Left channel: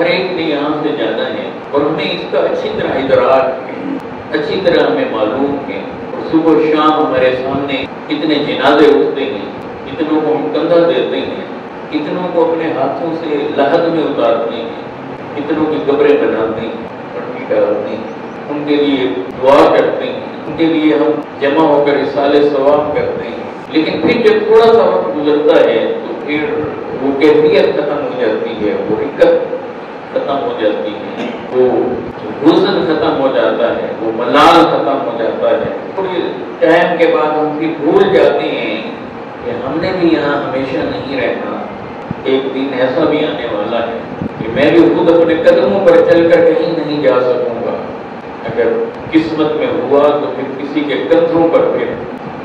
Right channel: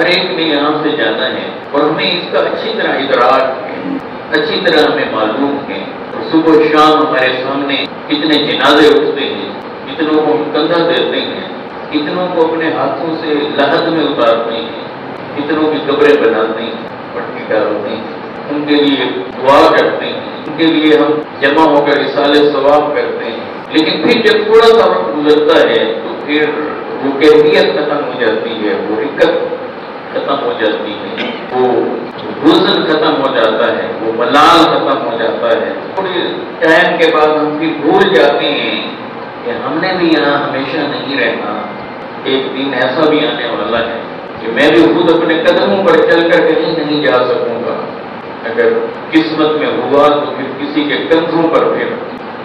ہر ایک نے یہاں سے جانا ہے اور ہمیں اس کا اچھی طرح ادراک ہے، اچھی طرح ہمیں معلوم ہے۔ اور صبح و شام ہمارے سامنے کتنے جنازے اٹھتے ہیں، کتنوں کو ہم کندھا دیتے ہیں، کتنوں کو اپنے ہاتھوں سے لحد میں اتارتے ہیں، کتنوں کی قبریں بناتے ہیں، پٹی ڈالتے ہیں، ان کے لیے دعا کرتے ہیں، ان کے لیے ہم جمع ہو کر اصالہ ثواب کرتے ہیں۔ لیکن پھر جب تھوڑا سا وقت گزرتا ہے تو پھر وہ کیفیت ختم ہو جاتی ہے، وہ رکت ختم ہو جاتی ہے، وہ حزن ختم ہو جاتا ہے، وہ ملال ختم ہو جاتا ہے۔ تھوڑی ٹائم کے بعد ہم پھر بھول جاتے ہیں کہ ہم نے بھی یہاں ہمیشہ نہیں رہنا، ایک دن ایسا بھی آنے والا ہے کہ میں بھی خود اپنے قدموں پر چل کر کہیں نہیں جا سکوں گا۔ اگر قسمت میں ہوا تو پھر کسی کے کندھوں پر پھر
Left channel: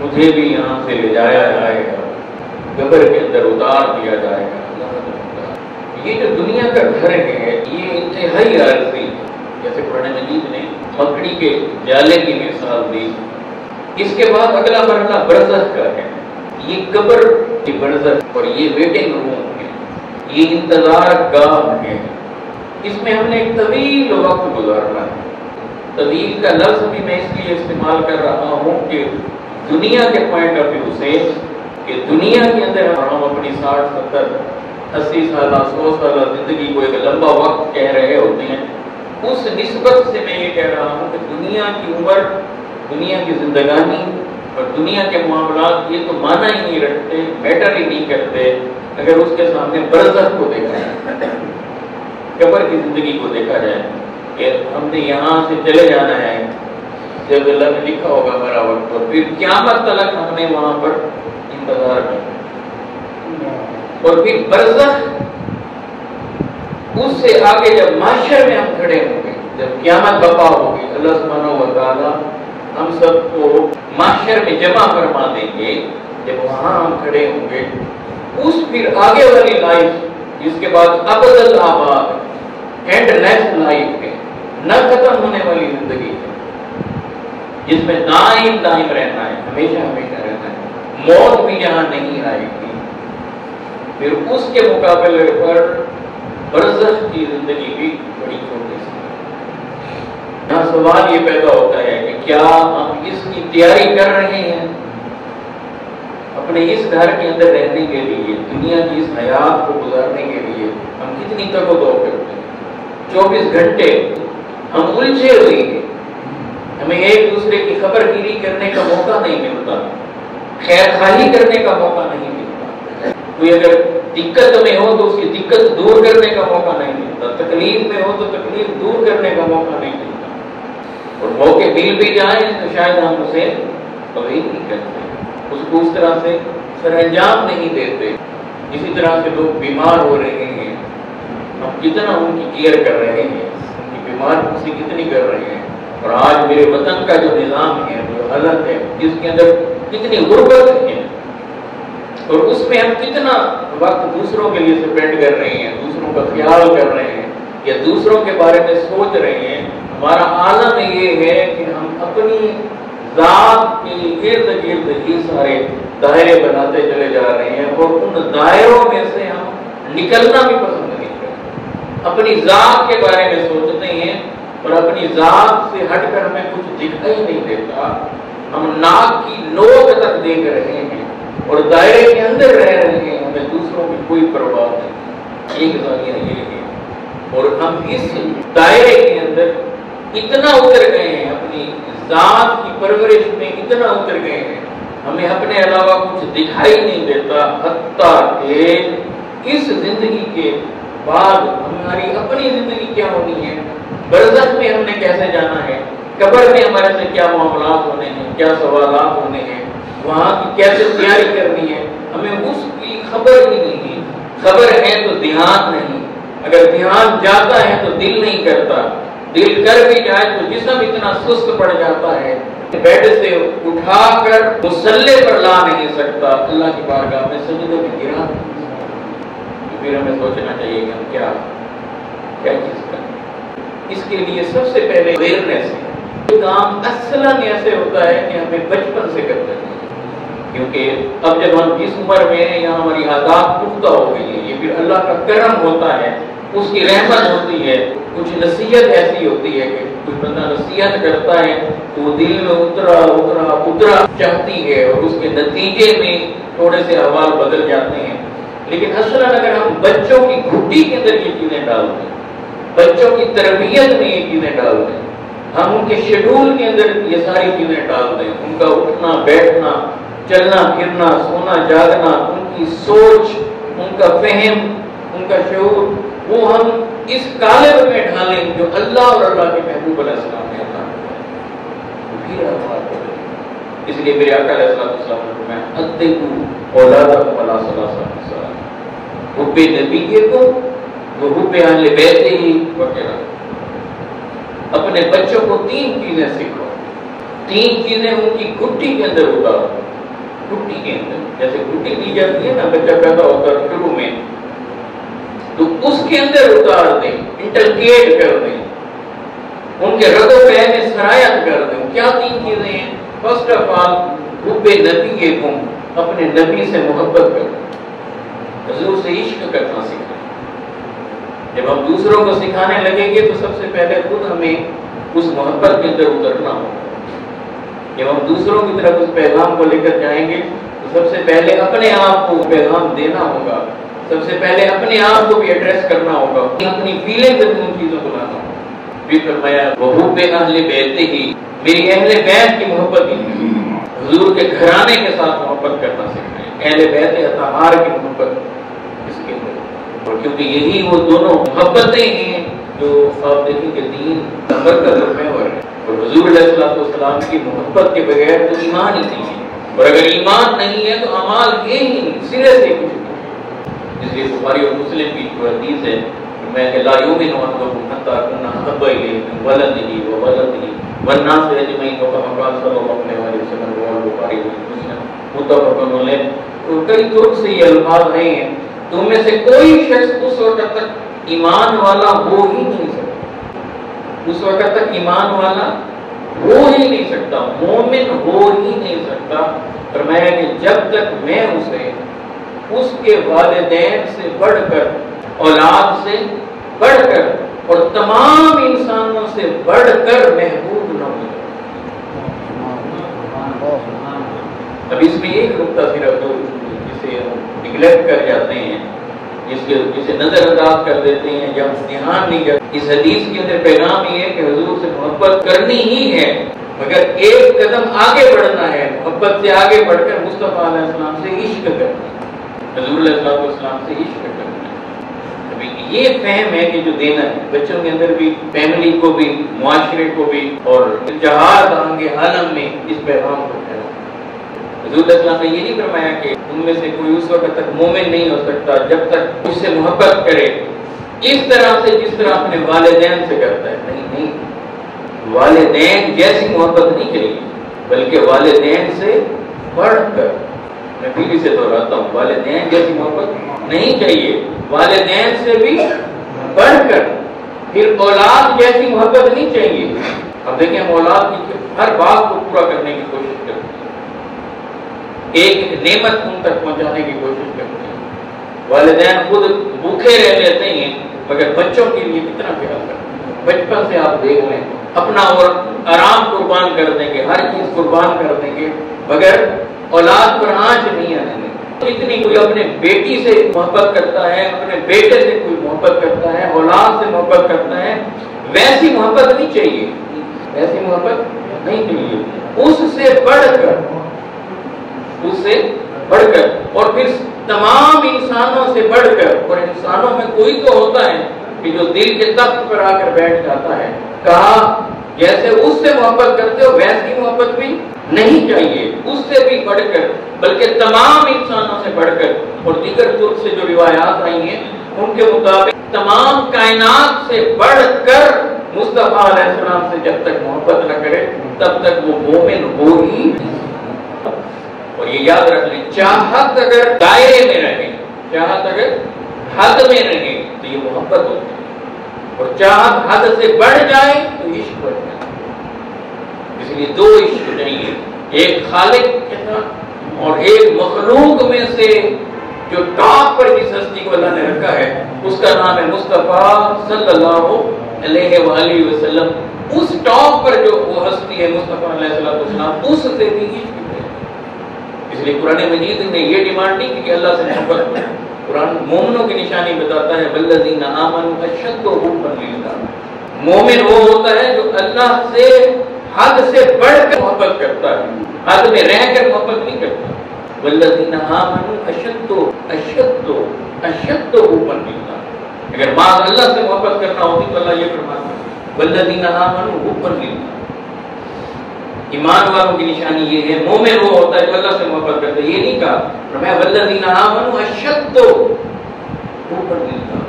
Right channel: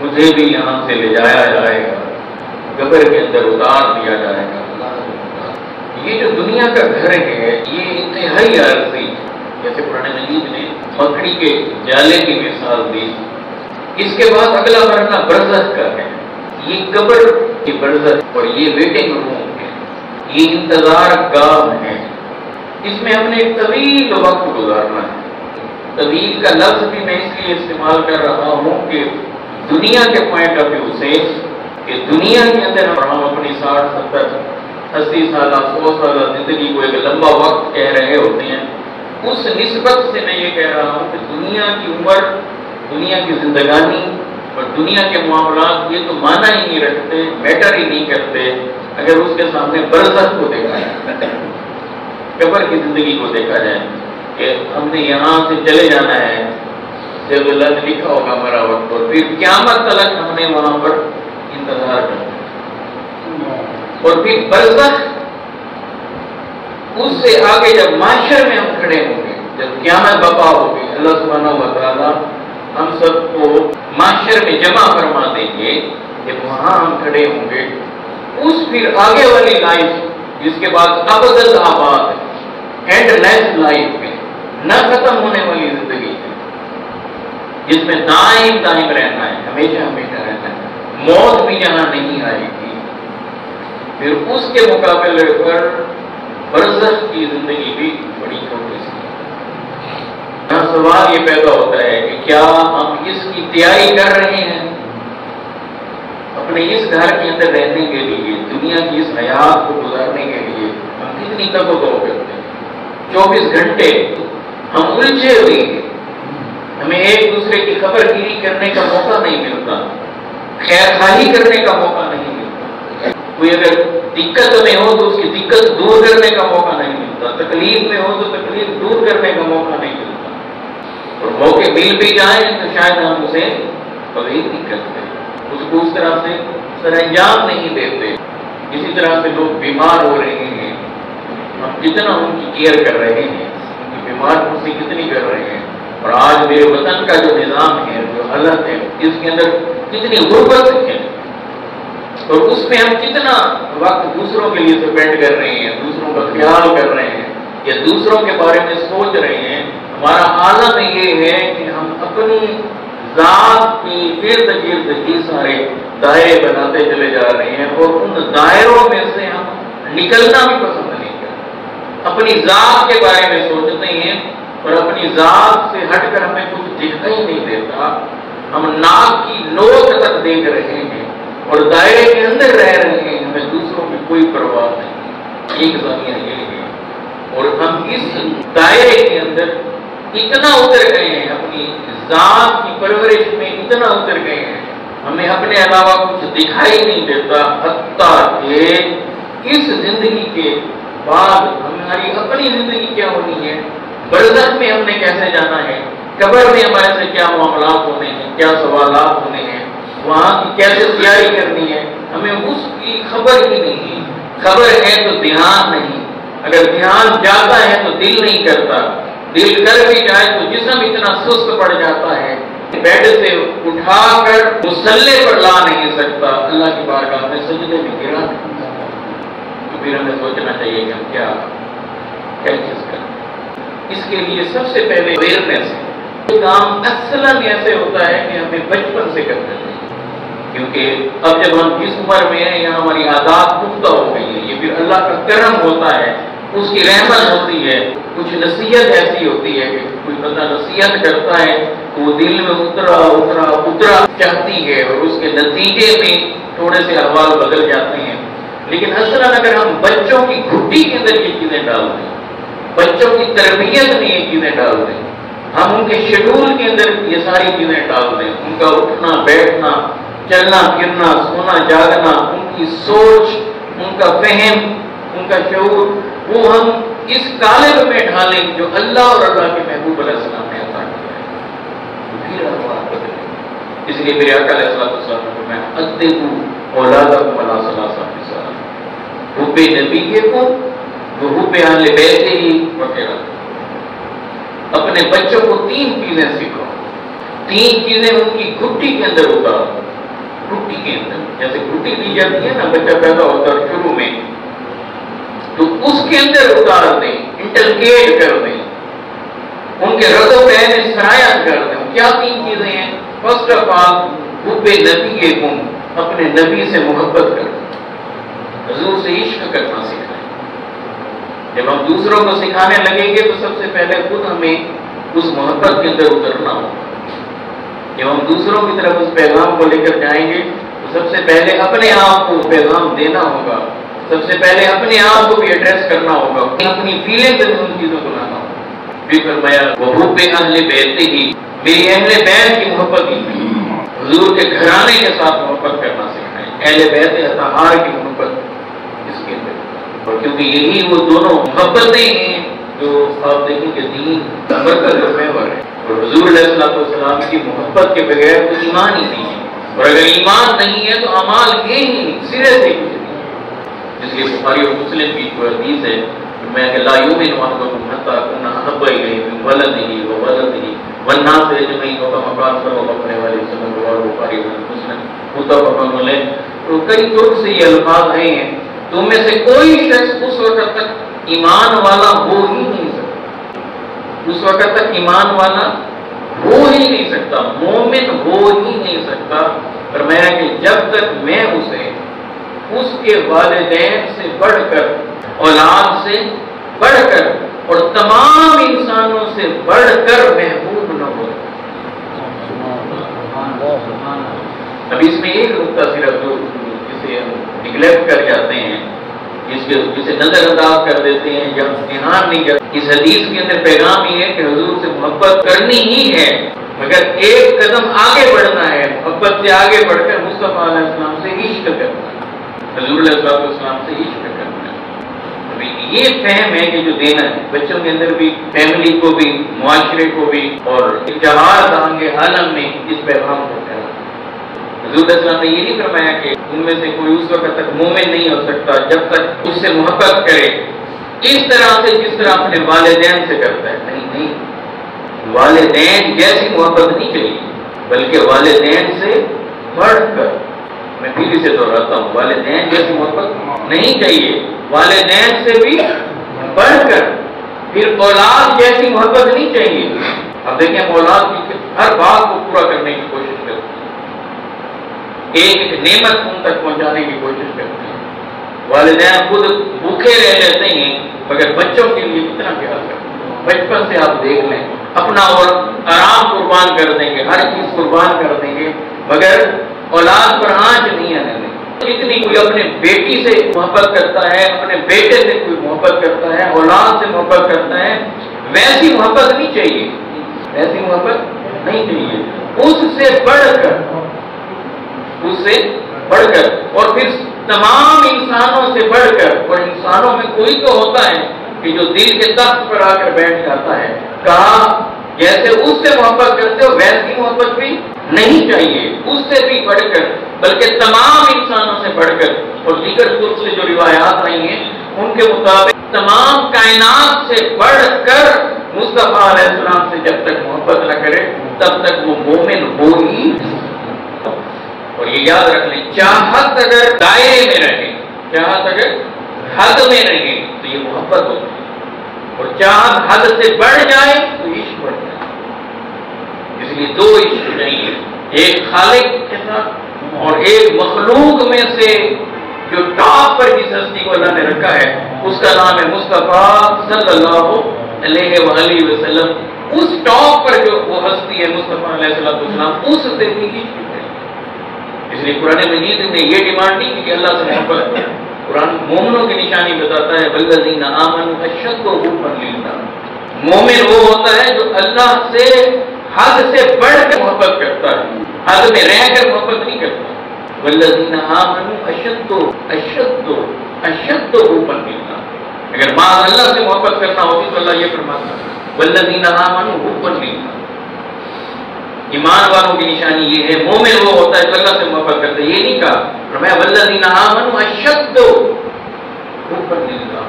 مجھے بھی یہاں سے لے جایا جائے گا، قبر کے اندر اتار دیا جائے گا۔ یہ جو دنیا کا گھر ہے یہ انتہائی عارضی ہے، جیسے قرآن مجید نے مکڑی کے جالے کی مثال دی۔ اس کے بعد اگلا مرحلہ برزخ کا ہے، یہ قبر کی برزخ اور یہ ویٹنگ روم ہے، یہ انتظار گاہ ہے۔ اس میں ہم نے ایک طویل وقت گزارنا ہے۔ طویل کا لفظ بھی میں اس لیے استعمال کر رہا ہوں کہ دنیا کے پوائنٹ آف ویو سے کہ دنیا کے اندر ہم اپنی 60 70 80 سالہ 100 سالہ زندگی کو ایک لمبا وقت کہہ رہے ہوتے ہیں، اس نسبت سے میں یہ کہہ رہا ہوں کہ دنیا کی عمر، دنیا کی زندگانی اور دنیا کے معاملات یہ تو معنی ہی نہیں رکھتے، میٹر ہی نہیں کرتے اگر اس کے سامنے برزخ کو دیکھا جائے، قبر کی زندگی کو دیکھا جائے کہ ہم نے یہاں سے چلے جانا ہے، جب اللہ نے لکھا ہوگا ہمارا وقت، اور پھر قیامت تک ہم نے وہاں پر انتظار کرنا، اور پھر برزخ، اس سے آگے جب معاشر میں ہم کھڑے ہوں گے، جب قیامت برپا ہوگی، اللہ سبحانہ و تعالیٰ ہم سب کو معاشر میں جمع فرما دیں گے، جب وہاں ہم کھڑے ہوں گے، اس پھر آگے والی لائف جس کے بعد ابد الآباد ہے، اینڈ لیس لائف ہے، نہ ختم ہونے والی زندگی ہے، جس میں دائم دائم رہنا ہے، ہمیشہ ہمیشہ رہنا ہے، موت بھی یہاں نہیں آئے گی، پھر اس کے مقابلے پر برزخ کی زندگی بھی بڑی چھوٹی سی۔ یہاں سوال یہ پیدا ہوتا ہے کہ کیا ہم اس کی تیاری کر رہے ہیں؟ اپنے اس گھر کے اندر رہنے کے لیے، دنیا کی اس حیات کو گزارنے کے لیے ہم کتنی تک و دو کرتے ہیں؟ 24 گھنٹے ہم الجھے ہوئے ہیں، ہمیں ایک دوسرے کی خبر گیری کرنے کا موقع نہیں ملتا، خیر خواہی کرنے کا موقع نہیں ملتا، کوئی اگر دقت میں ہو تو اس کی دقت دور کرنے کا موقع نہیں ملتا، تکلیف میں ہو تو تکلیف دور کرنے کا موقع نہیں ملتا، اور موقع مل بھی جائیں تو شاید ہم اسے قبول نہیں کرتے، اس کو اس طرح سے سر انجام نہیں دیتے۔ اسی طرح سے لوگ بیمار ہو رہے ہیں، ہم کتنا ان کی کیئر کر رہے ہیں، ان کی بیمار سے کتنی کر رہے ہیں، اور آج میرے وطن کا جو نظام ہے، جو حالت ہے، جس کے اندر کتنی غربت ہے، اور اس میں ہم کتنا وقت دوسروں کے لیے سپینڈ کر رہے ہیں، دوسروں کا خیال کر رہے ہیں یا دوسروں کے بارے میں سوچ رہے ہیں۔ ہمارا عالم یہ ہے کہ ہم اپنی ذات کے ارد گرد ہی سارے دائرے بناتے چلے جا رہے ہیں، اور ان دائروں میں سے ہم نکلنا بھی پسند نہیں کرتے، اپنی ذات کے بارے میں سوچتے ہیں، اور اپنی ذات سے ہٹ کر ہمیں کچھ دکھائی نہیں دیتا، ہم ناک کی نوک تک دیکھ رہے ہیں اور دائرے کے اندر رہ رہے ہیں، ہمیں دوسروں کی کوئی پرواہ نہیں، ایک زمین یہ ہے، اور ہم اس دائرے کے اندر اتنا اتر گئے ہیں، اپنی ذات کی پرورش میں اتنا اتر گئے ہیں، ہمیں اپنے علاوہ کچھ دکھائی نہیں دیتا، حتیٰ کہ اس زندگی کے بعد ہماری اپنی زندگی کیا ہونی ہے، برزخ میں ہم نے کیسے جانا ہے، قبر میں ہمارے سے کیا معاملات ہونے ہیں، کیا سوالات ہونے ہیں، وہاں کی کیسے تیاری کرنی ہے، ہمیں اس کی خبر ہی نہیں ہے۔ خبر ہے تو دھیان نہیں، اگر دھیان جاتا ہے تو دل نہیں کرتا، دل کر بھی جائے تو جسم اتنا سست پڑ جاتا ہے، بیڈ سے اٹھا کر مصلے پر لا نہیں سکتا، اللہ کی بارگاہ میں سجدے میں گرا نہیں سکتا۔ تو پھر ہمیں سوچنا چاہیے کہ ہم کیا چیز کریں۔ اس کے لیے سب سے پہلے اویئرنیس ہے۔ یہ کام اصلاً ایسے ہوتا ہے کہ ہمیں بچپن سے کرنا چاہیے، کیونکہ اب جب ہم اس عمر میں ہیں، یہاں ہماری عادات پختہ ہو گئی ہیں، یہ پھر اللہ کا کرم ہوتا ہے، اس کی رحمت ہوتی ہے. کچھ نصیحت ایسی ہوتی ہے کہ کوئی بندہ نصیحت کرتا ہے تو وہ دل میں اترا چاہتی ہے اور اس کے نتیجے میں تھوڑے سے احوال بدل جاتے ہیں. لیکن اصلاً اگر ہم بچوں کی گھٹی کے اندر یہ چیزیں ڈال دیں، بچوں کی تربیت میں یہ چیزیں ڈال دیں، ہم ان کے شیڈول کے اندر یہ ساری چیزیں ڈال دیں، ان کا اٹھنا بیٹھنا، چلنا پھرنا، سونا جاگنا، ان کی سوچ، ان کا فہم، ان کا شعور، وہ ہم اس قالب میں ڈھالیں جو اللہ اور اللہ کے محبوب علیہ السلام نے عطا کیا ہے، پھر احوال بدلیں. اس لیے میرے آقا علیہ السلام نے فرمایا ادبوا اولادکم علی ثلاث خصال، حب نبی کو وہ حب اہل بیت ہی وغیرہ. اپنے بچوں کو 3 چیزیں سکھاؤ، 3 چیزیں ان کی گھٹی کے اندر اتارو. گھٹی کے اندر جیسے گھٹی دی جاتی ہے نا، بچہ پیدا ہوتا ہے شروع میں، تو اس کے اندر اتار دیں، انٹرکیٹ کر دیں، ان کے رد و فعل میں سرایت کر دیں. کیا 3 چیزیں ہیں؟ فرسٹ آف آل حب نبی کو، اپنے نبی سے محبت کرنا، حضور سے عشق کرنا سکھائیں. جب ہم دوسروں کو سکھانے لگیں گے تو سب سے پہلے خود ہمیں اس محبت کے اندر اترنا ہوگا. جب ہم دوسروں کی طرف اس پیغام کو لے کر جائیں گے تو سب سے پہلے اپنے آپ کو پیغام دینا ہوگا، سب سے پہلے اپنے آپ کو بھی ایڈریس کرنا ہوگا، اپنی فیلنگ سے ان چیزوں کو لانا ہوگا. بھی فرمایا وحب اہل بیت ہی، میری اہل بیت کی محبت ہی، حضور کے گھرانے کے ساتھ محبت کرنا سکھائیں. اہل بیت اطہار کی محبت اس کے اندر، اور کیونکہ یہی وہ دونوں محبتیں ہیں جو آپ دیکھیں کہ دین برکت اور محور ہے. اور حضور علیہ السلام کی محبت کے بغیر تو ایمان ہی نہیں ہے، اور اگر ایمان نہیں ہے تو اعمال ہے ہی نہیں، سرے سے کچھ نہیں. اس لیے بخاری اور مسلم کی جو حدیث ہے میں کہ لا یؤمن احدکم حتی اکون احب الیہ من ولدہ وولدہ والناس اجمعین وكما قال صلی اللہ علیہ وسلم رواه البخاری و مسلم متفق علیہ. تو کئی طرق سے یہ الفاظ ہیں، تم میں سے کوئی شخص اس وقت تک ایمان والا ہو ہی نہیں سکتا، اس وقت تک ایمان والا ہو ہی نہیں سکتا، مومن ہو ہی نہیں سکتا. فرمایا کہ جب تک میں اسے اس کے والدین سے بڑھ کر، اولاد سے بڑھ کر اور تمام انسانوں سے بڑھ کر محبوب نہ ہو. اب اس میں ایک نقطہ صرف جسے ہم نگلیکٹ کر جاتے ہیں، جسے نظر انداز کر دیتے ہیں یا دھیان نہیں کرتے. اس حدیث کے اندر پیغام یہ ہے کہ حضور سے محبت کرنی ہی ہے، مگر ایک قدم آگے بڑھنا ہے، محبت سے آگے بڑھ کر مصطفیٰ علیہ السلام سے عشق کرنا ہے، حضور علیہ السلام سے عشق کرنا ہے. ابھی یہ فہم ہے کہ جو دینا ہے بچوں کے اندر بھی، فیملی کو بھی، معاشرے کو بھی، اور اتحاد آنگے عالم میں اس پیغام کو پھیلانا. حضور علیہ السلام نے یہ نہیں فرمایا کہ ان میں سے کوئی اس وقت تک مومن نہیں ہو سکتا جب تک اس سے محبت کرے اس طرح سے جس طرح اپنے والدین سے کرتا ہے. نہیں، والدین جیسی محبت نہیں چاہیے، بلکہ والدین سے بڑھ کر. میں پھر اسے دہراتا ہوں، والدین جیسی محبت نہیں چاہیے، والدین سے بھی بڑھ کر. پھر اولاد جیسی محبت نہیں چاہیے. اب دیکھیں ہم اولاد کی ہر بات کو پورا کرنے کی کوشش کرتے ہیں، ایک نعمت ان تک پہنچانے کی کوشش کرتے ہیں. والدین خود بھوکے رہ لیتے ہیں مگر بچوں کے لیے کتنا پیار کرتے ہیں. بچپن سے آپ دیکھ لیں، اپنا اور آرام قربان کر دیں گے، ہر چیز قربان کر دیں گے، مگر اولاد پر آنچ نہیں آنے دیں. جتنی کوئی اپنے بیٹی سے محبت کرتا ہے، اپنے بیٹے سے کوئی محبت کرتا ہے، اولاد سے محبت کرتا ہے، ویسی محبت نہیں چاہیے، ویسی محبت نہیں چاہیے. اس سے بڑھ کر اور پھر تمام انسانوں سے بڑھ کر. اور انسانوں میں کوئی تو ہوتا ہے کہ جو دل کے تخت پر آ کر بیٹھ جاتا ہے. کہا جیسے اس سے محبت کرتے ہو ویسی محبت بھی نہیں چاہیے، اس سے بھی بڑھ کر، بلکہ تمام انسانوں سے بڑھ کر. اور دیگر طرق سے جو روایات آئی ہیں ان کے مطابق تمام کائنات سے بڑھ کر مصطفیٰ علیہ السلام سے جب تک محبت نہ کرے تب تک وہ مومن ہو ہی نہیں. اور یہ یاد رکھ لیں، چاہت اگر دائرے میں رہے، چاہت اگر حد میں رہے تو یہ محبت ہوتی ہے، اور چاہت حد سے بڑھ جائے تو عشق بڑھ جائے. اس لیے 2 عشق چاہیے، ایک خالق کے ساتھ اور ایک مخلوق میں سے جو ٹاپ پر جس ہستی کو اللہ نے رکھا ہے اس کا نام ہے مصطفیٰ صلی اللہ علیہ وآلہ وسلم. اس ٹاپ پر جو وہ ہستی ہے مصطفیٰ علیہ السلام، اس سے بھی عشق ہے. اس لیے قرآن مجید نے یہ ڈیمانڈ نہیں کہ اللہ سے محبت. قرآن مومنوں کی نشانی بتاتا ہے والذین آمنوا اشد حبا للہ. مومن وہ ہوتا ہے جو اللہ سے حد سے بڑھ کر محبت کرتا ہے، حد میں رہ کر محبت نہیں کرتا. والذین آمنوا اشد حبا للہ. اگر بعض اللہ سے محبت کرنا ہوتی تو اللہ یہ فرماتا ہے والذین آمنوا حبا للہ. ایمان والوں کی نشانی یہ ہے، مومن وہ ہوتا ہے جو اللہ سے محبت کرتا ہے. یہ نہیں کہا فرمایا والذین آمنوا اشد حبا للہ.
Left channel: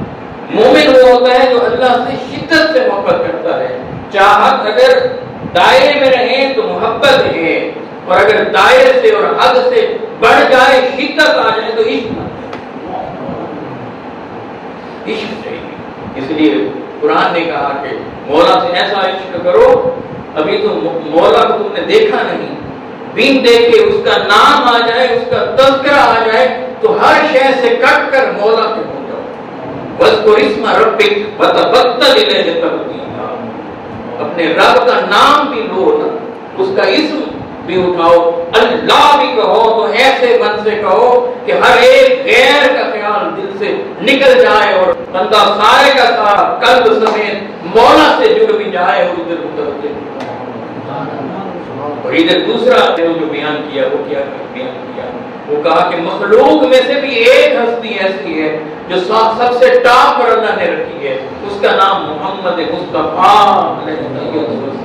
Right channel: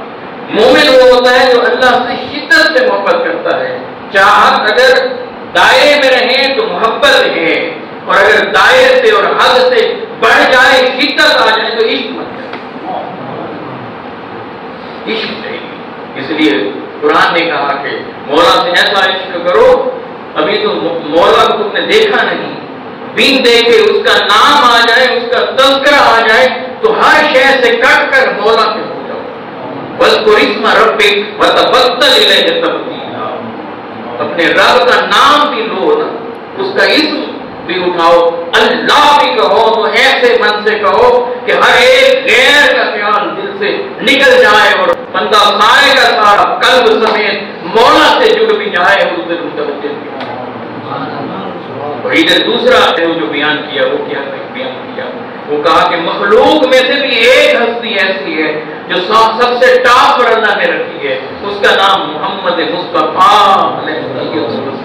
مومن وہ ہوتا ہے جو اللہ سے شدت سے محبت کرتا ہے. چاہت اگر دائرے میں رہیں تو محبت ہے، اور اگر دائرے سے اور حد سے بڑھ جائے، شدت آ جائے تو عشق چاہیے. اس لیے قرآن نے کہا کہ مولا سے ایسا عشق کرو، ابھی تو مولا کو تم نے دیکھا نہیں، بین دیکھے اس کا نام آ جائے، اس کا تذکرہ آ جائے تو ہر شے سے کٹ کر مولا کے ہو جاؤ. وَاذْكُرِ اسْمَ رَبِّكَ وَتَبَتَّلْ إِلَيْهِ تَبْتِيلًا. اپنے رب کا نام بھی لو نا، اس کا اسم بھی اٹھاؤ. اللہ بھی کہو تو ایسے من سے کہو کہ ہر ایک غیر کا خیال دل سے نکل جائے اور بندہ سارے کا سارا قلب سمیت مولا سے جڑ بھی جائے. اس دل متوجہ بھی. اور ادھر دوسرا جو بیان کیا وہ کیا بیان کیا، وہ کہا کہ مخلوق میں سے بھی ایک ہستی ایسی ہے جو سب سے ٹاپ پر اللہ نے رکھی ہے، اس کا نام محمد مصطفیٰ علیہ السلام.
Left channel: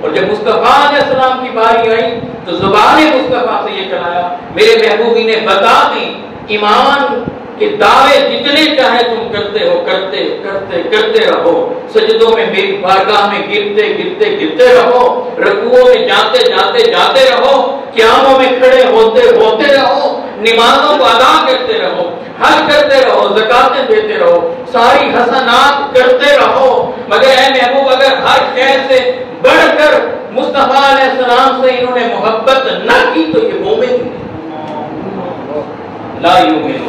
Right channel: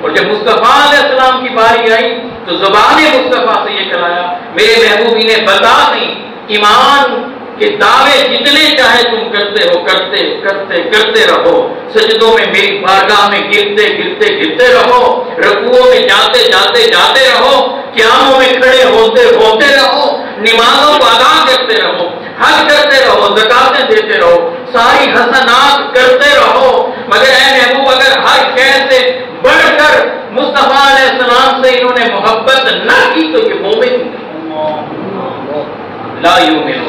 اور جب مصطفیٰ علیہ السلام کی باری آئی تو زبان مصطفیٰ سے یہ کہلایا میرے محبوبی نے بتا دی ایمان کہ دعوے جتنے چاہے تم کرتے ہو، کرتے کرتے کرتے رہو. سجدوں میں میری بارگاہ میں گرتے گرتے گرتے رہو، رکوعوں میں جاتے جاتے جاتے رہو، قیاموں میں کھڑے ہوتے ہوتے رہو، نمازوں کو ادا کرتے رہو، حج کرتے رہو، زکاتیں دیتے رہو، ساری حسنات کرتے رہو. مگر اے محبوب اگر ہر خیر سے بڑھ کر مصطفیٰ علیہ السلام سے انہوں نے محبت نہ کی تو یہ مومن نہیں. لا یؤمن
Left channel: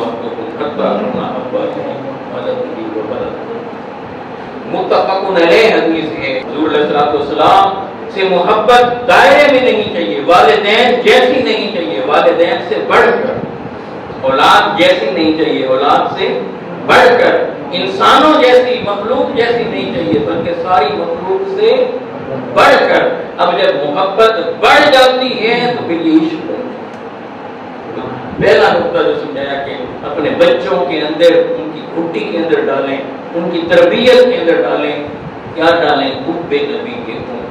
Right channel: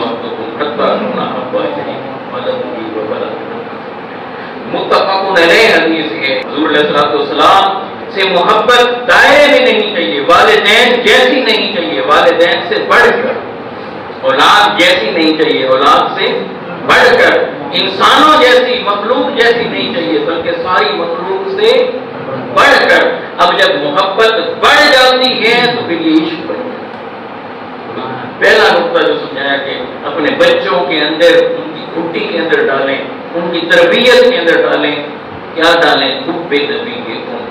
متفق علیہ حدیث ہے. حضور علیہ السلام سے محبت دائرے میں نہیں چاہیے، والدین جیسی نہیں چاہیے، والدین سے بڑھ کر. اولاد جیسی نہیں چاہیے، اولاد سے بڑھ کر. انسانوں جیسی، مخلوق جیسی نہیں چاہیے، بلکہ ساری مخلوق سے بڑھ کر. اب جب محبت بڑھ جاتی ہے تو پھر یہ عشق بڑھ جاتا ہے. پہلا نقطہ جو سمجھایا کہ اپنے بچوں کے اندر، ان کی گھٹی کے اندر ڈالیں، ان کی تربیت کے اندر ڈالیں. کیا ڈالیں؟ حب نبی کے خون،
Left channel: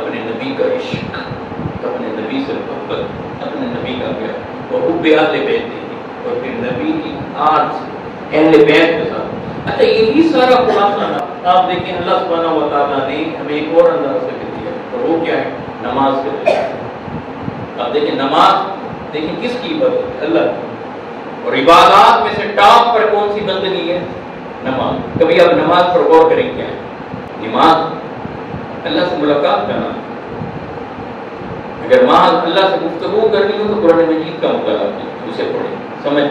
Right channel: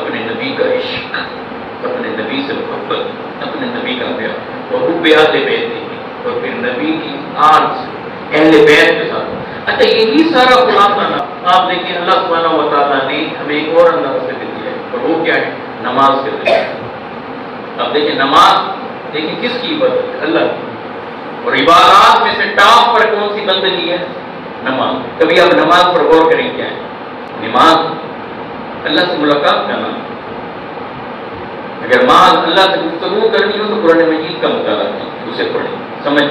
اپنے نبی کا عشق، اپنے نبی سے محبت، اپنے نبی کا پیار. اور حب اہل بیت دیکھیں، اور پھر نبی کی آج اہل بیت کے ساتھ. اچھا یہی سارا خلاصہ آپ دیکھیں اللہ سبحانہ و تعالیٰ نے ہمیں ایک اور انداز سے بھی دیا ہے، اور وہ کیا ہے؟ نماز کے ذریعے. آپ دیکھیں نماز، دیکھیں کس کی عبادت ہے؟ اللہ کی. اور عبادات میں سے ٹاپ پر کون سی بندگی ہے؟ نماز. کبھی آپ نماز پر غور کریں کیا ہے؟ نماز اللہ سے ملاقات کرنا. اگر ماں اللہ سے گفتگو کرنی ہو تو قرآن مجید کا مطالعہ کریں، اسے پڑھیں، سمجھ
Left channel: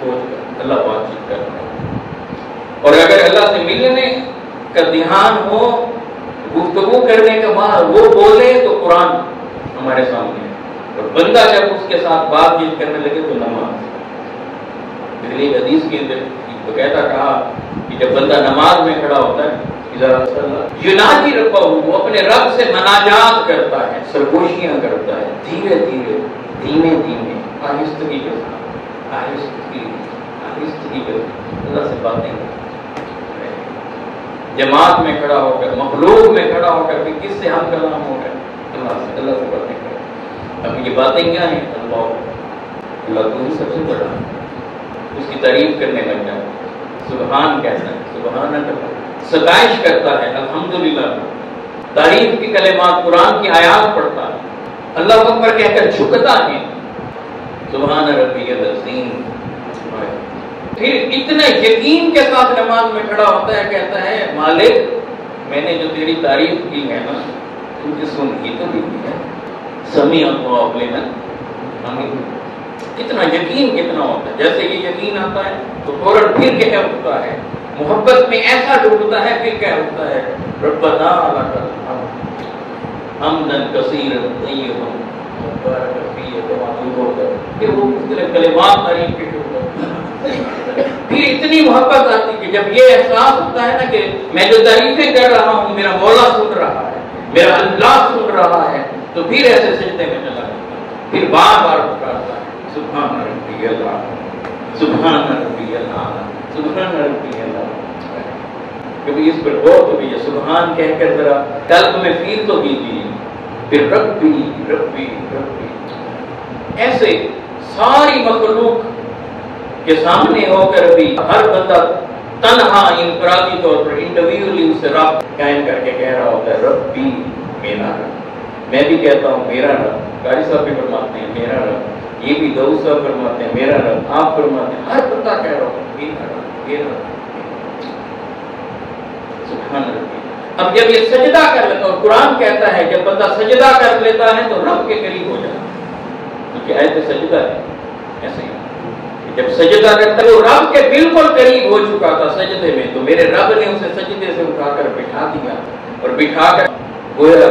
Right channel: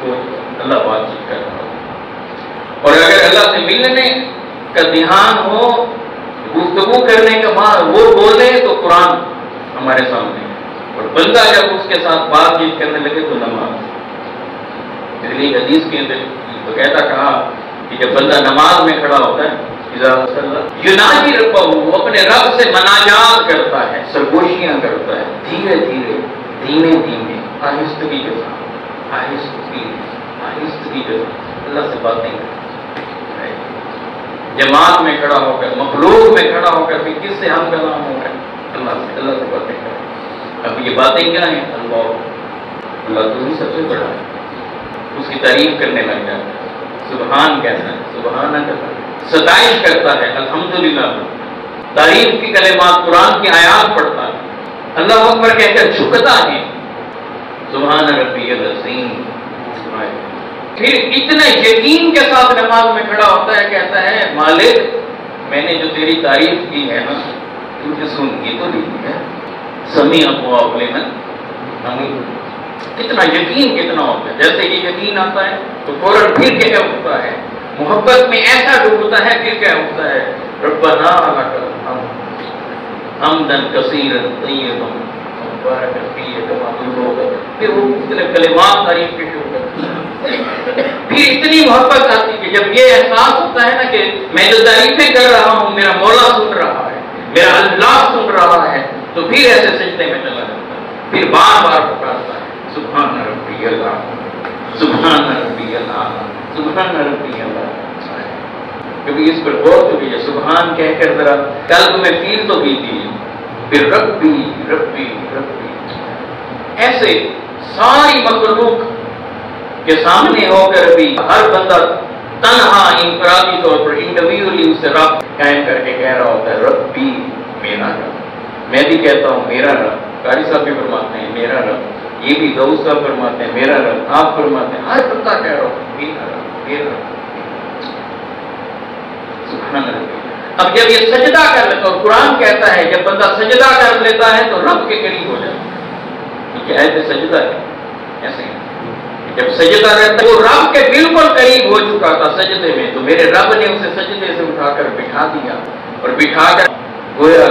تو اللہ بات چیت کر رہا. اور اگر اللہ سے ملنے کا دھیان ہو، گفتگو کرنے کا ماں وہ بولے تو قرآن ہمارے سامنے. اور بندہ جب اس کے ساتھ بات چیت کرنے لگے تو نماز. اس لیے حدیث کے اندر تو کہتا کہا کہ جب بندہ نماز میں کھڑا ہوتا ہے یناجی ربہ، وہ اپنے رب سے مناجات کرتا ہے، سرگوشیاں کرتا ہے، دھیرے دھیرے، دھیمے دھیمے، آہستگی کے ساتھ، آہستگی آہستگی کے ساتھ اللہ سے باتیں کرتا ہے. جماعت میں کھڑا ہو کر، مخلوق میں کھڑا ہو کر، کس سے ہم کلام ہو کر اللہ سے باتیں کریں. اب یہ باتیں کیا ہیں؟ اللہ تو ہی سب سے بڑا ہے. اس کی تعریف کرنے لگ جاتا ہے، سبحان کہتا ہے، سبحانہ کہتا ہے، ستائش کرتا ہے، الحمدللہ، تعریف کی کلمات، قرآن کی آیات پڑھتا ہے، اللہ اکبر کہہ کر جھکتا ہے، سبحان ربی العظیم. پھر اتنے یقین کے ساتھ نماز میں کھڑا ہوتا ہے، کہتا ہے مالک میں نے جو تیری تعریف کی ہے نا، تجھے سن یہ تو نہیں ہے، سمیع اللہ لمن حمدہ. کتنا یقین کتنا ہوتا ہے، جیسے یہ یقین آتا ہے تو فوراً پھر کیا ہوتا ہے، محبت میں ایسا ڈوبتا ہے، پھر کیا ہوتا ہے، ربنا لک الحمد حمدا کثیرا طیبا مبارکا فیہ کما تحب، پھر وہ اتنے کلمات تعریف کے شروع کرتے ہیں، پھر اتنی محبت آتی کہ جب یہ احساس ہوتا ہے نا کہ میں جو تعریفیں کر رہا ہوں میرا مولا سن رہا ہے، میرا اللہ سن رہا ہے، تو پھر ایسے سجدے میں چلا جاتا ہے، پھر بار بار پکارتا ہے سبحان ربی اللہ سبحان ربی اللہ سبحان ربی اللہ۔ کبھی اس پر غور تو کیجیے، سبحان کہہ کر ذرا قلب میں فیل تو کیجیے، پھر ربی ربی ربی، ایسے ساری مخلوق کے سامنے ہو کر بھی ہر بندہ تنہا انفرادی طور پر انڈیویجولی اس سے رابطہ قائم کر کے کہہ رہا ہوتا ہے ربی میرا رب۔ میں بھی کہتا ہوں میرا رب، قاری صاحب بھی فرماتے ہیں میرا رب، یہ بھی داؤد صاحب فرماتے ہیں میرا رب، آپ فرماتے ہیں، ہر بندہ کہہ رہا ہوں میرا رب میرا رب۔ اب جب یہ سجدہ کر لیتا ہے، اور قرآن کہتا ہے جب بندہ سجدہ کر لیتا ہے تو رب کے قریب ہو جاتا ہے، کیونکہ آیت سجدہ ہے ایسے ہی، جب سجدہ کرتا ہے وہ رب کے بالکل قریب ہو چکا تھا سجدے میں، تو میرے رب نے اسے سجدے سے اٹھا کر بٹھا دیا، اور بٹھا کر گویا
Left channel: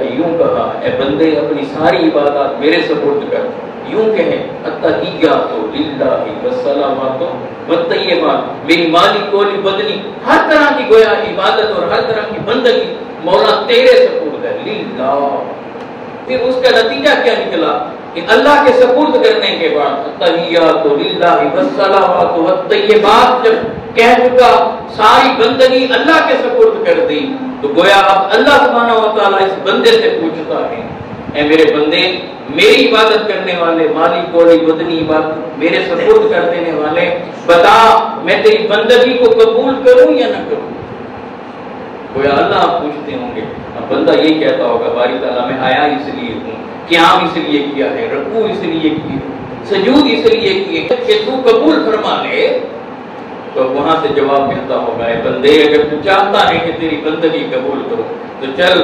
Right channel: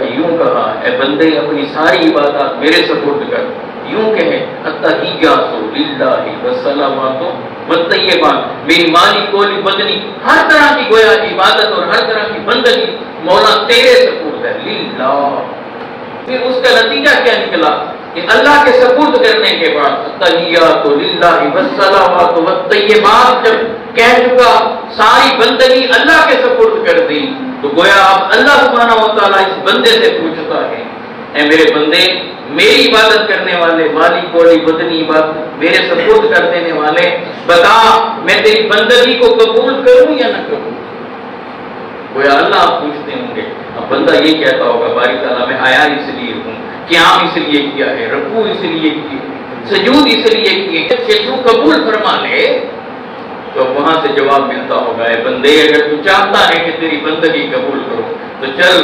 کہ یوں کہا اے بندے اپنی ساری عبادات میرے سپرد کر، یوں کہیں التحیات للہ والصلوات والطیبات، میری مالی کولی بدنی ہر طرح کی گویا عبادت اور ہر طرح کی بندگی مولا تیرے سپرد ہے للہ۔ پھر اس کا نتیجہ کیا نکلا کہ اللہ کے سپرد کرنے کے بعد التحیات للہ والصلوات والطیبات جب کہہ چکا، ساری بندگی اللہ کے سپرد کر دی، تو گویا اب اللہ سبحانہ و تعالیٰ اس بندے سے پوچھتا ہے اے میرے بندے، میری عبادت کرنے والے، مالی کوڑی بدنی عبادت میرے سپرد کر دینے والے، بتا میں تیری بندگی کو قبول کروں یا نہ کروں؟ گویا اللہ آپ پوچھتے ہوں گے، اب بندہ یہ کہتا ہوگا باری تعالیٰ میں آیا اس لیے ہوں، قیام اس لیے کیا ہے، رکوع اس لیے کی، سجود اس لیے کیے کہ تو قبول فرما لے، تو وہاں سے جواب ملتا ہوگا اے بندے اگر تو چاہتا ہے کہ تیری بندگی قبول کرو تو چل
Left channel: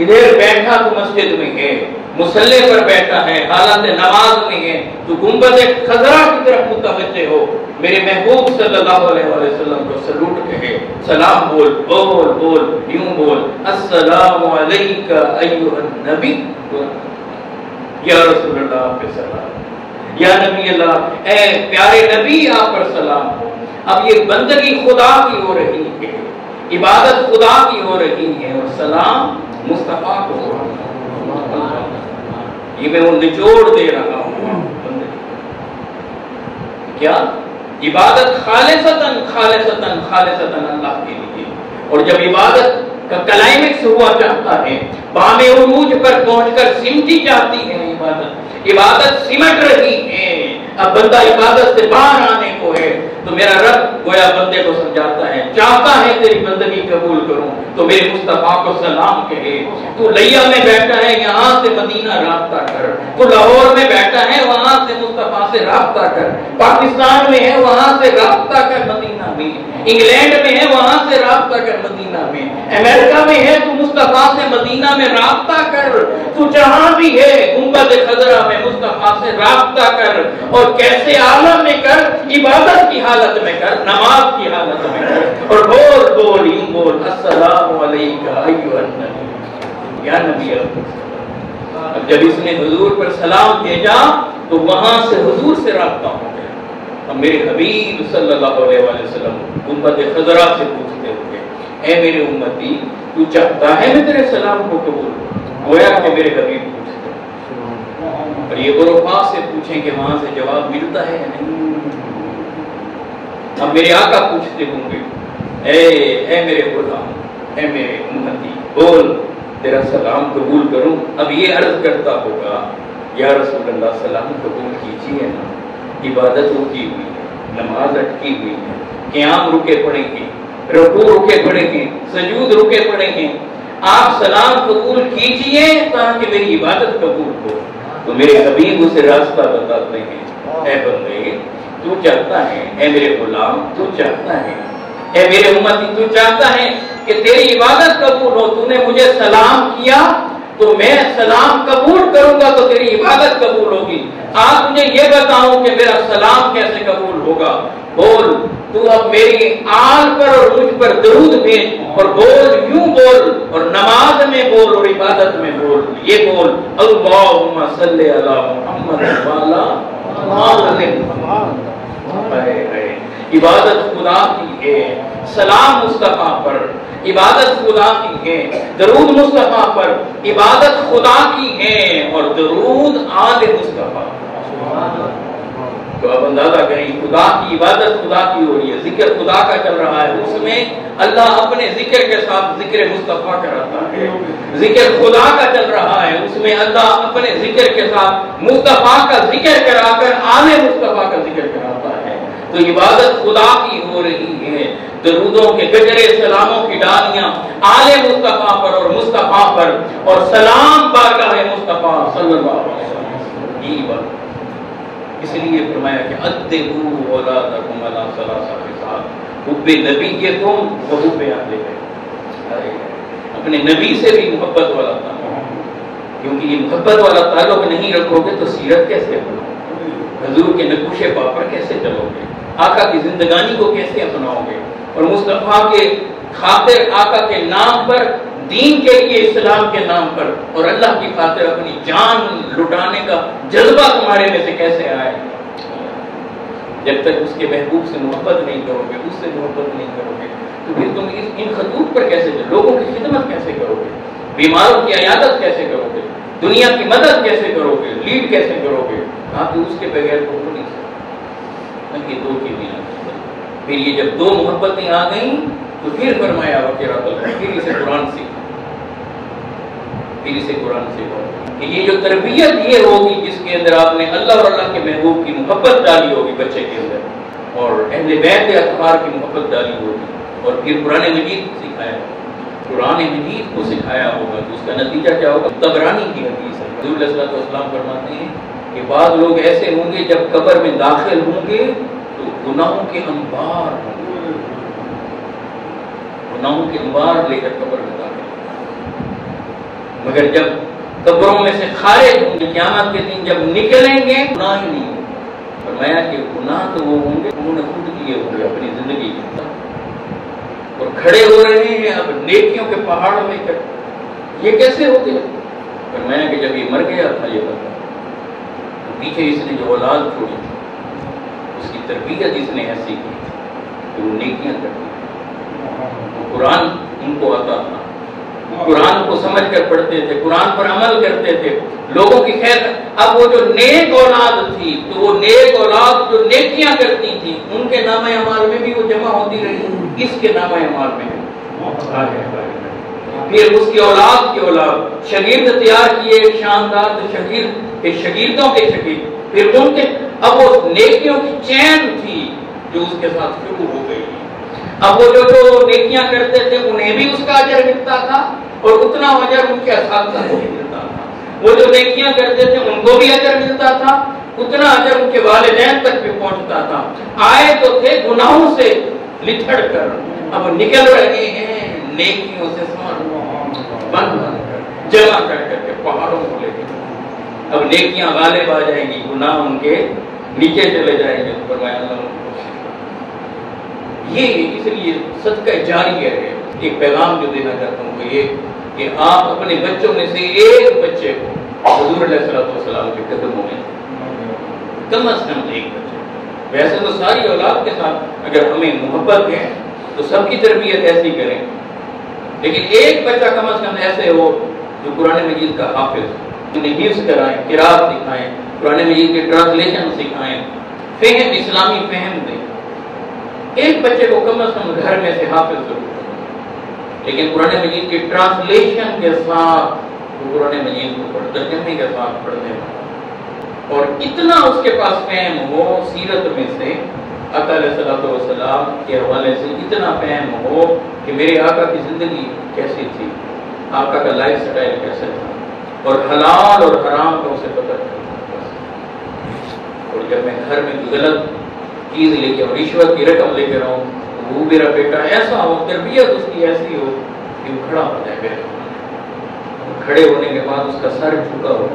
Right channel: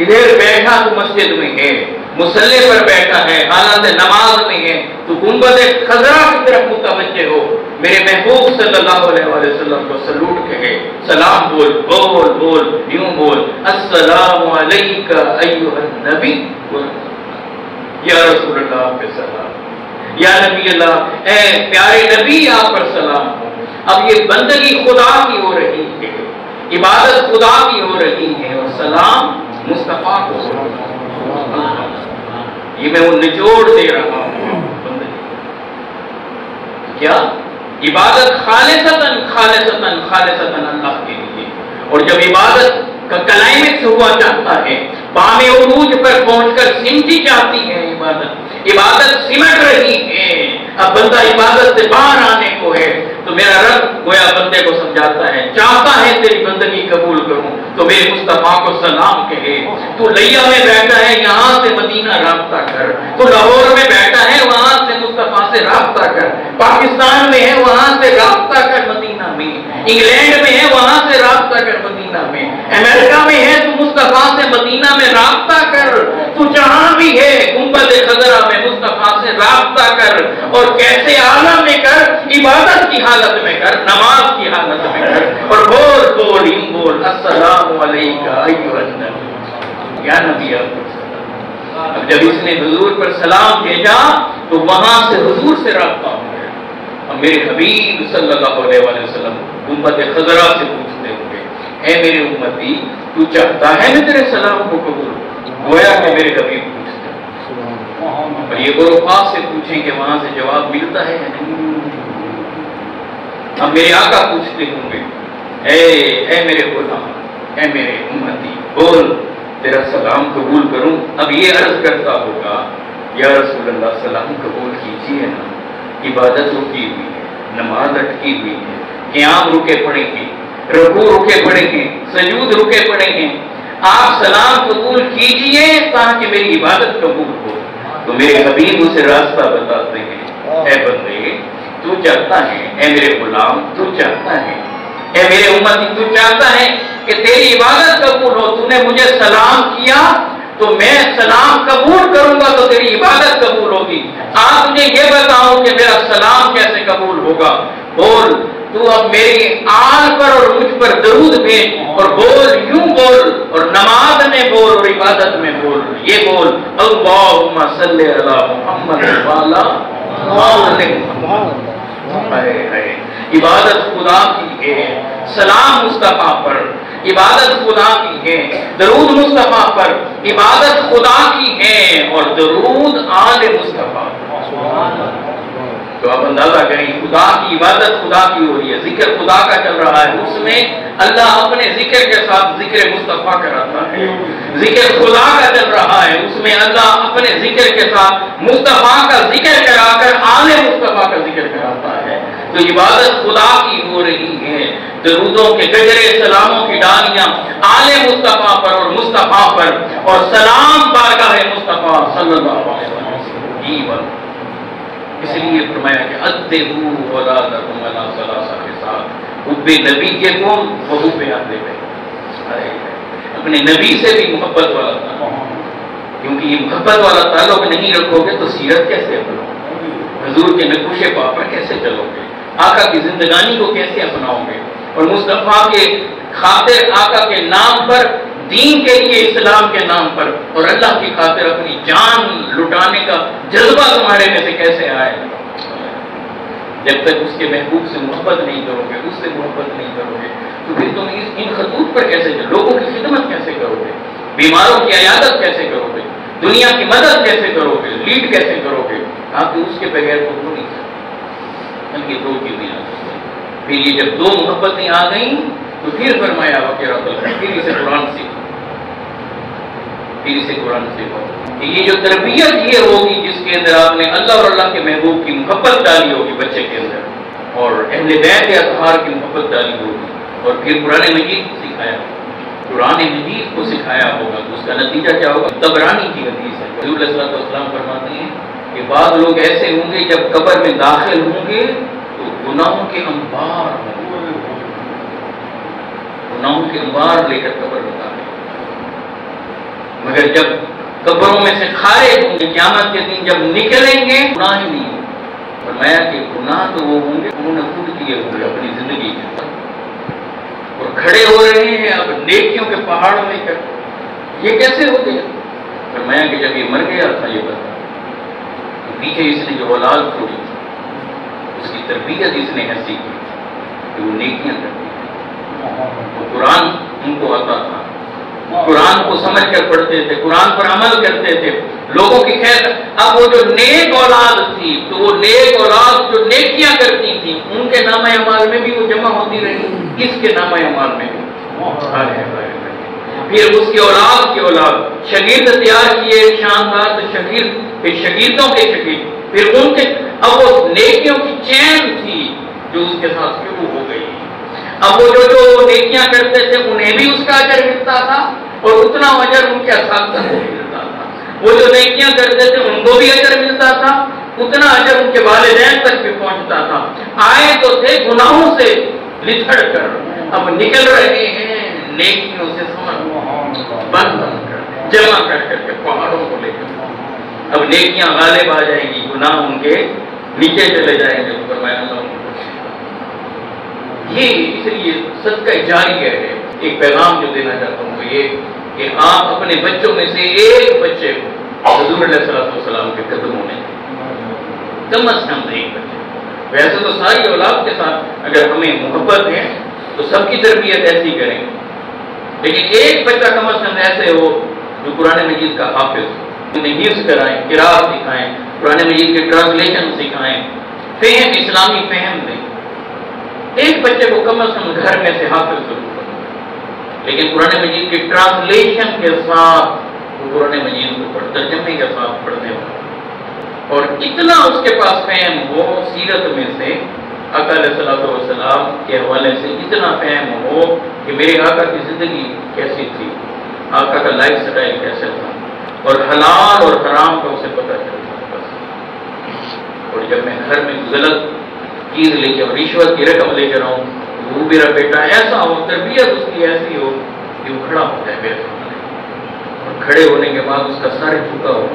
ادھر بیٹھا، تو مسجد میں ہے، مصلی پر بیٹھا ہے، حالت نماز میں ہے، تو گنبد خضرا کی طرف متوجہ ہو، میرے محبوب صلی اللہ علیہ وسلم کو سلوٹ کہے، سلام بول بول بول یوں بول السلام علیکہ ایھا النبی یا رسول اللہ پہ سلام، یا نبی اللہ اے پیارے نبی آپ پر سلام ہو۔ اب یہ بندگی خدا کی ہو رہی ہے، عبادت خدا کی ہو رہی ہے، اور سلام مصطفیٰ کو ہو رہا ہے، یہ میں وہ نچوڑ دے رہا ہوں بندگی، کیا عبادت خالصتاً خالصتاً خالصتاً اللہ کے لیے، اور جب عبادت کا کلائمیکس ہوا چاہتا ہے، بام عروج پر پہنچ کر سمٹی جاتی ہے عبادت سمٹ رہی ہے، اب بندہ عبادت سے باہر آنے کو ہے، تو میرا رب گویا بندے کو سمجھاتا ہے، چاہتا ہے تیری بندگی قبول کروں تو میرے مصطفیٰ کو سلام کہے، تو لیا میں بیٹھا ہے یہاں سے مدینہ رابطہ کر، تو لاہور میں بیٹھا ہے وہاں سے مصطفیٰ سے رابطہ کر، پاکستان میں ہے وہاں سے رابطہ کر مدینہ میں، انگلینڈ میں ہے وہاں سے رابطہ کر مدینہ میں، امریکہ میں ہے تو مصطفیٰ سے مدینہ میں رابطہ کر، تو جہاں بھی ہے گنبد خضرا میں مصطفیٰ سے رابطہ کر، اور کیسے عالم میں کر، عبادت کی حالت میں کر، نماز کی حالت میں کر، اور بول بول یوں بول السلام علیکہ ایھا النبی یا نبی اللہ۔ اب جب اس نے حضور پر سلام بھیجا تو وہاں سے حضور سے رابطہ ہو گیا، اور میرے حبیب صلی اللہ علیہ وسلم گنبد خضرا سے پوچھتے ہوئے اے میرے امتی تو چاہتا ہے میں تیرے سلام کو قبول کروں؟ گویا کہ میرے حبیب پوچھتے ہیں، اور یہ غرفات سے پوچھیں کہ وہاں سے جواب ملتا ہے یا نہیں۔ اب میرے آقا پوچھتے ہوں گے اے میرے غلام، اے میرے امتی بول تیرا سلام قبول کروں؟ اب یہ عرض کرتا ہوگا یا رسول اللہ سلام قبول کیجیے نا، عبادت رکی ہوئی ہے، نماز اٹکی ہوئی ہے، قیام رکے پڑے گے، رکوع رکے پڑے گے، سجود رکے پڑے گے، آپ سلام قبول کیجیے تاکہ میری عبادت قبول ہو۔ تو میرے حبیب اسے راستہ بتاتے ہیں اے بندے تو چاہتا ہے، اے میرے غلام تو چاہتا ہے، اے میرے امتی تو چاہتا ہے کہ تیری عبادت قبول ہو، تو نے مجھے سلام کیا، تو میں سلام قبول کروں گا تو تیری عبادت قبول ہوگی. آپ مجھے یہ بتاؤ کہ میرا سلام کیسے قبول ہوگا. بول تو اب میری آل پر اور مجھ پر درود بھیج اور بول یوں بول اور نماز میں بول اور عبادت میں بول. یہ بول اللہم صلی علی محمد وعلی عبادت خدا کی ہے, سلام مصطفیٰ پر عبادت خدا کی ہے, درود مصطفیٰ پر عبادت خدا کی ہے اور درود آل مصطفیٰ. تو اب اندازہ کریں خدا کی عبادت خدا کی ہو رہی ہے, ذکر خدا کا چل رہا ہے, اس میں اللہ اپنے ذکر کے ساتھ ذکر مصطفیٰ کراتا ہے. ذکر خدا کا چل رہا ہے, اس میں اللہ اپنے ذکر کے ساتھ مصطفیٰ کا ذکر کرا کر آل مصطفیٰ کا ذکر کراتا ہے. تو عبادت خدا کی ہو رہی ہے, درودوں کے گجرے سلاموں کی ڈالیاں آل مصطفیٰ پر اور مصطفیٰ پر اور سلام بارگاہ مصطفیٰ صلی اللہ علیہ وسلم. اس لیے فرمایا کہ ادبوا اولادکم علی ثلاثہ خصال, حب نبی کے کون و حب اہل بیت. اپنے نبی سے بھی محبت والا تعلق, کیونکہ یہ محبت والا تعلق نہیں رکھو گے تو سیرت کیسے اپناؤ گے, حضور کے نقوش پا پر کیسے چلو گے, آقا کی زندگانی کو کیسے اپناؤ گے, اور مصطفیٰ کے خاطر آقا کے نام پر, دین کے لیے, اسلام کے نام پر اور اللہ کی خاطر اپنی جان لٹانے کا جذبہ تمہارے میں سے کیسے آئے. جب تک اس کے محبوب سے محبت نہیں کرو گے, اس سے محبت نہیں کرو گے, تو پھر تم ان خطوط پر کیسے چلو, لوگوں کی خدمت کیسے کرو گے, بیماروں کی عیادت کیسے کرو گے, دنیا کی مدد کیسے کرو گے, لیڈ کیسے کرو گے. آپ اس کے بغیر کو نہیں سکتے, بلکہ دو چیزیں آ سکتے. پھر یہ جب دو محبتیں آ گئیں تو پھر فرمایا پھر اسے قرآن سیکھو, پھر اسے قرآن سیکھو. یہ جو تربیت یہ ہوگی جس کے اندر آپ نے اللہ اور اللہ کے محبوب کی محبت ڈالی ہوگی بچے کے اندر, اور اہل بیت اطہار کی محبت ڈالی ہوگی, اور پھر قرآن مجید کو سکھایا, قرآن مجید کو سکھایا ہوگا, تو اس کا نتیجہ کیا ہوگا. طبرانی کی حدیث ہے, حضور علیہ السلام فرماتے ہیں کہ بعض لوگ ایسے ہوں گے جب قبر میں داخل ہوں گے تو گناہوں کے انبار ہوں گے, گناہوں کے انبار لے کر قبر میں داخل, مگر جب قبروں میں سے خارج ہوں گے قیامت کے دن جب نکلیں گے گناہ ہی نہیں ہوں. فرمایا کہ گناہ تو وہ ہوں گے انہوں نے خود کیے ہوں گے اپنی زندگی کے اندر, اور کھڑے ہو رہے ہیں اب نیکیوں کے پہاڑ لے کر. یہ کیسے ہو گیا؟ فرمایا کہ جب یہ مر گیا تھا یہ بتا, تو پیچھے اس نے جو اولاد چھوڑی تھی اس کی تربیت اس نے ایسی کی کہ وہ نیکیاں کرتی ہے. تو قرآن ان کو آتا تھا, قرآن کو سمجھ کر پڑھتے تھے, قرآن پر عمل کرتے تھے, لوگوں کی خیر. اب وہ جو نیک اولاد تھی تو وہ نیک اولاد جو نیکیاں کرتی تھی ان کے نامہ اعمال میں بھی وہ جمع ہوتی رہی, اس کے نامہ اعمال میں بھی. پھر اس کی اولاد کی اولاد شاگرد تیار کیے شاندار, تو شاگرد پھر شاگردوں کے شاگرد, پھر ان کے, اب وہ نیکیوں کی چین تھی جو اس کے ساتھ شروع ہو گئی. اب وہ جو نیکیاں کرتے تھے انہیں بھی اس کا اجر ملتا تھا اور اتنا اجر ان کے اساتذہ کو ملتا تھا. وہ جو نیکیاں کرتے تھے ان کو بھی اجر ملتا تھا, اتنا اجر ان کے والدین تک بھی پہنچتا تھا. آئے تو تھے گناہوں سے لتھڑ کر, اب نکل رہے ہیں نیکیوں سے بند کر جمع کر کے پہاڑوں کو لے کر. اب نیکیاں غالب آ جائیں گی, گناہ ان کے نیچے چلے جائیں گے. تو فرمایا یہ اس لیے صدقہ جاری ہے. ایک پیغام جو دینا چاہتا ہوں وہ یہ کہ آپ اپنے بچوں میں سے ایک بچے کو حضور علیہ السلام کے قدموں میں, کم از کم ایک بچے. ویسے تو ساری اولاد کے ساتھ اگر ہمیں محبت ہے تو سب کی تربیت ایسی کریں, لیکن ایک بچہ کم از کم ایسے ہو جو قرآن مجید کا حافظ, انہیں حفظ کرائیں, قرات سکھائیں, قرآن مجید کے ٹرانسلیشن سکھائیں, فہم اسلامی فہم دیں. ایک بچے کو کم از کم گھر میں سے حافظ ضرور کریں, لیکن قرآن مجید کے ٹرانسلیشن کے ساتھ قرآن مجید کو ترجمے کے ساتھ پڑھنے ہو, اور اتنا اس کے پاس فہم ہو سیرت میں سے آقا علیہ السلام کے حوالے سے, اتنا فہم ہو کہ میرے آقا کی زندگی کیسی تھی, آقا کا لائف سٹائل کیسے تھا, اور حلال اور حرام کا اسے پتہ چلتا. اور جب میں گھر میں غلط چیز لے کے, رشوت کی رقم لے کے رہوں, وہ میرا بیٹا ایسا ہو, تربیت اس کی ایسی ہو کہ وہ کھڑا ہو جائے میرے سامنے, اور کھڑے ہونے کے بعد اس کا سر جھکا ہو،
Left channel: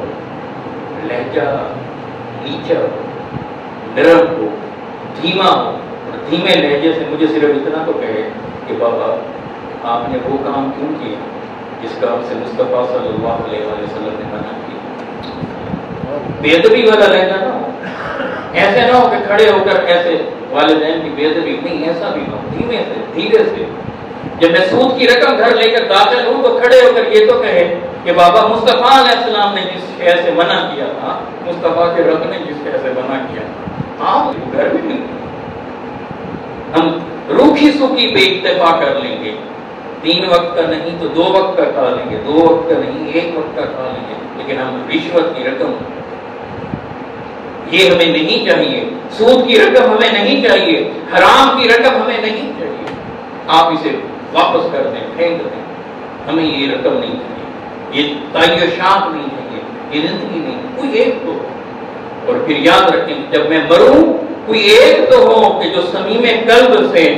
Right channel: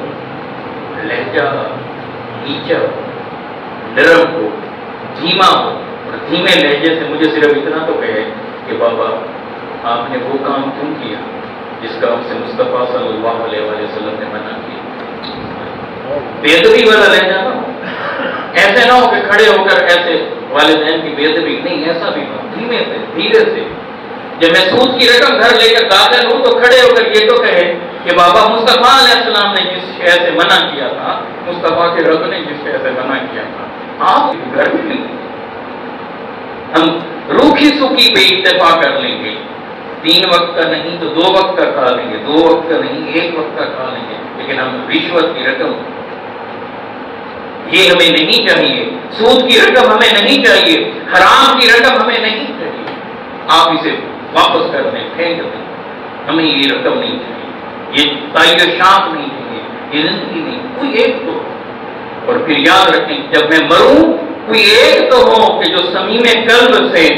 لہجہ نیچا ہو، نرم ہو، دھیما ہو، اور دھیمے لہجے سے مجھے صرف اتنا تو کہے کہ بابا آپ نے وہ کام کیوں کیا جس کا ہم سے مصطفیٰ صلی اللہ علیہ وسلم نے منع کیا۔ بے ادبی والا لہجہ ایسے نہ ہو کہ کھڑے ہو کر ایسے والدین کی بے ادبی، نہیں ایسا بھی نہ، دھیمے سے دھیرے سے۔ جب میں سود کی رقم گھر لے کر داخل ہوں تو کھڑے ہو کر یہ تو کہے کہ بابا مصطفیٰ علیہ السلام نے جس شے سے منع کیا تھا، مصطفیٰ کے رب نے جس شے سے منع کیا تھا، آپ گھر میں نہیں۔ ہم روکھی سوکھی بے اتفاق کر لیں گے، 3 وقت کا نہیں تو 2 وقت کا کھا لیں گے، 2 وقت کا نہیں 1 وقت کا کھا لیں گے، لیکن ہم رشوت کی رقم یہ ہمیں نہیں چاہیے، سود کی رقم ہمیں نہیں چاہیے، حرام کی رقم ہمیں نہیں چاہیے، آپ اسے واپس کر دیں، پھینک دیں، ہمیں یہ رقم نہیں چاہیے، یہ تعیشات نہیں چاہیے، یہ زندگی نہیں، کوئی ایک تو۔ اور پھر یاد رکھیں جب میں مروں کوئی ایک تو ہو کہ جو صمیم قلب سے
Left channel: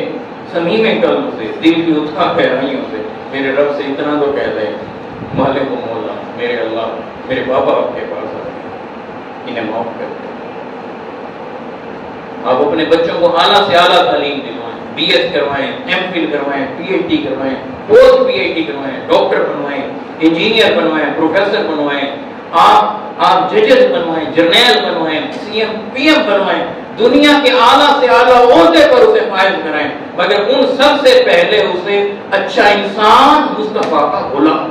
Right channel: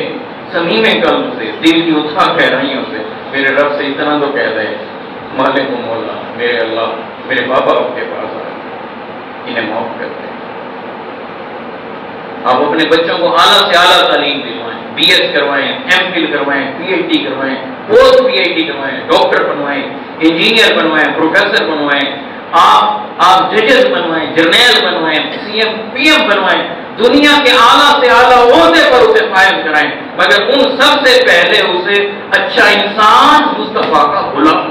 دل کی اتھا گہرائیوں سے میرے رب سے اتنا تو کہہ دے، مالک و مولا میرے اللہ، میرے بابا آپ کے پاس آ، انہیں معاف کر دیں۔ آپ اپنے بچوں کو اعلیٰ سے اعلیٰ تعلیم دلوائیں، بی ایس کروائیں، ایم فل کروائیں، پی ایچ ڈی کروائیں، پوسٹ پی ایچ ڈی کروائیں، ڈاکٹر بنوائیں، انجینئر بنوائیں، پروفیسر بنوائیں، آپ ججز بنوائیں، جرنیل بنوائیں، سی ایم پی ایم بنوائیں، دنیا کے اعلیٰ سے اعلیٰ عہدے پر اسے فائز کرائیں، مگر ان سب سے پہلے اسے اچھا انسان مصطفیٰ کا غلام